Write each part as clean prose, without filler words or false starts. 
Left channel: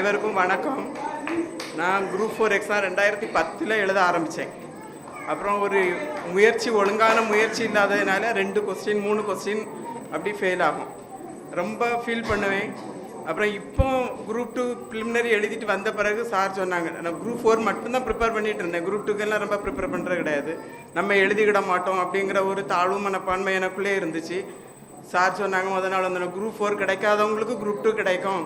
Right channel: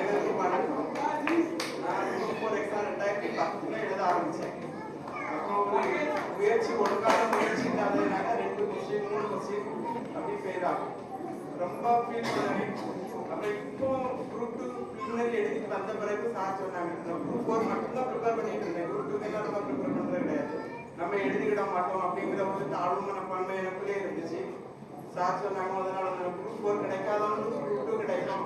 அனைவருக்கும் வணக்கம். நான் குரூப் 4 எக்ஸாம் 2010 எழுத ஆரம்பித்தேன். அப்புறம் ஒரு ஒழுங்கான முயற்சி இல்லாததுனால 2 கொஸ்டின் 3 கொஸ்டின் அப்படி ஃபெயில் ஆகும். ரொம்ப ஃபீல் பண்ணுவேன். அப்புறம் இப்போ குரூப் 2 ப்ரிலிமினரி எழுதிட்டு வந்த பிறகு சார் சொன்னாங்க, நான் குரூப் 4 மட்டும்தான் ப்ரிப்பேர் பண்ணிட்டு இருந்தேன், குரூப் 2க்கெல்லாம் ரொம்ப ப்ரிப்பேர் பண்ணுறது கிடையாது, நம்ம எழுதிக்கிட மாட்டோம் அப்படிங்கிற ஒரு தாழ்வு மனப்பான்மை எனக்குள்ளே இருந்துச்சு. சார் சொன்னாங்க, முதல் நாள் வந்து குரூப் 4 கிடைக்காதவங்களுக்கு குரூப் 2 கிடைக்கும்,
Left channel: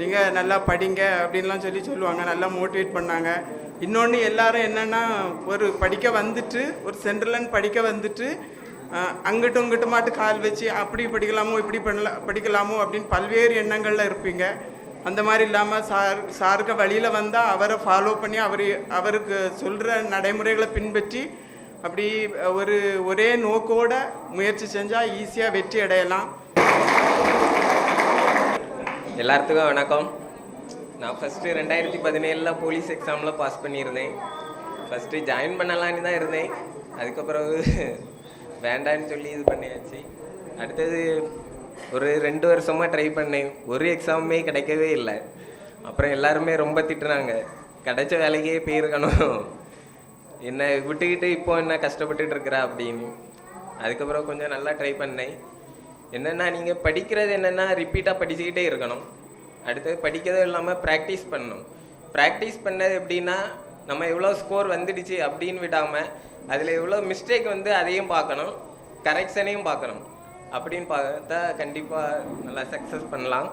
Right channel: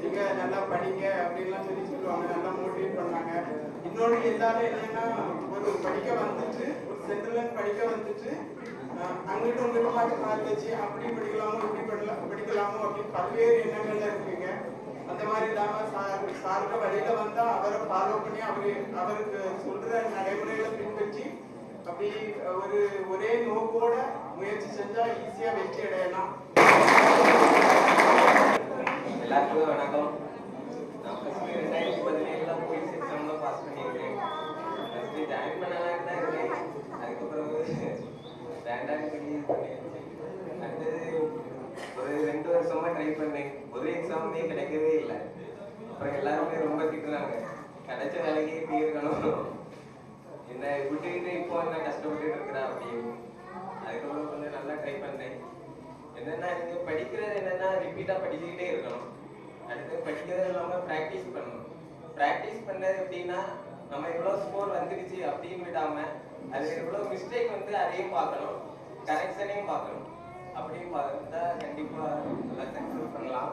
நீங்கள் நல்லா படிங்க அப்படின்லாம் சொல்லுவாங்க. நல்லா மோட்டிவேட் பண்ணாங்க. இன்னொன்று எல்லாரும் என்னென்னா, ஒரு படிக்க வந்துட்டு ஒரு சென்ட்ரலன் படிக்க வந்துட்டு அங்கிட்டும் இங்கிட்டுமாட்டு கால் வச்சு அப்படி படிக்கலாமோ இப்படி படிக்கலாமோ அப்படின்னு பல்வேறு எண்ணங்களில் இருப்பீங்க. அந்த மாதிரி இல்லாமல் சாருக்கு வழியில் வந்தால் அவரை ஃபாலோ பண்ணி அவருக்கு சொல்கிற நடைமுறைகளை பின்பற்றி அப்படி ஒரே நோக்கோட முயற்சி செஞ்சால் ஈஸியாக வெற்றி அடையலாம். எல்லாத்துக்கும் வணக்கம். நான் ஃபஸ்ட்டு 2017 போலீஸ் எக்ஸாமில் பாஸ் பண்ணியிருந்தேன். ஃபஸ்ட்டு ஜாயின் பண்ணலான்னு தான் இருந்தேன். அதுக்கப்புறம் வேண்டான்னு சொல்லி இது பண்ணியாச்சு. அடுத்தது ஒரு 2 வருஷமாக ட்ரை பண்ணேன். ஒரு எக்ஸாமுமே கிடைக்கவே இல்லை. அப்புறம் எல்லாருமே ரொம்ப திட்டுறாங்க, கிடைச்ச வேலைக்கே போயிருக்கணும், என்ன விட்டுக்கிட்டு இப்போ என்ன கஷ்டப்பட்டுட்டு இருக்கிறா அப்படின்னு. அதுக்கப்புறம் கொஞ்சம் நல்லா ட்ரை பண்ணேன். என்னென்னா, நீங்கள் படிக்கிறது என்னென்னா ரிப்பீட்டாக படிச்சுக்கிட்டே இருக்கணும். அடுத்தது படிக்கிறது இல்லாமல் ப்ராக்டிஸ் பண்ணணும். ப்ராக்டிஸ் பண்ணது எப்படின்னா, நம்ம எவ்வளோ ஸ்கோர் வந்துடுச்சு அப்படின்னு விடாமல் அதில் எவ்வளோ மிஸ்டேக் வந்து அதையும் பார்க்கணும், கரெக்ஷனையும் பார்க்கணும். அப்படின்னு பார்த்தா கண்டிப்பாக நல்லா சக்ஸஸ் பண்ணலாம்.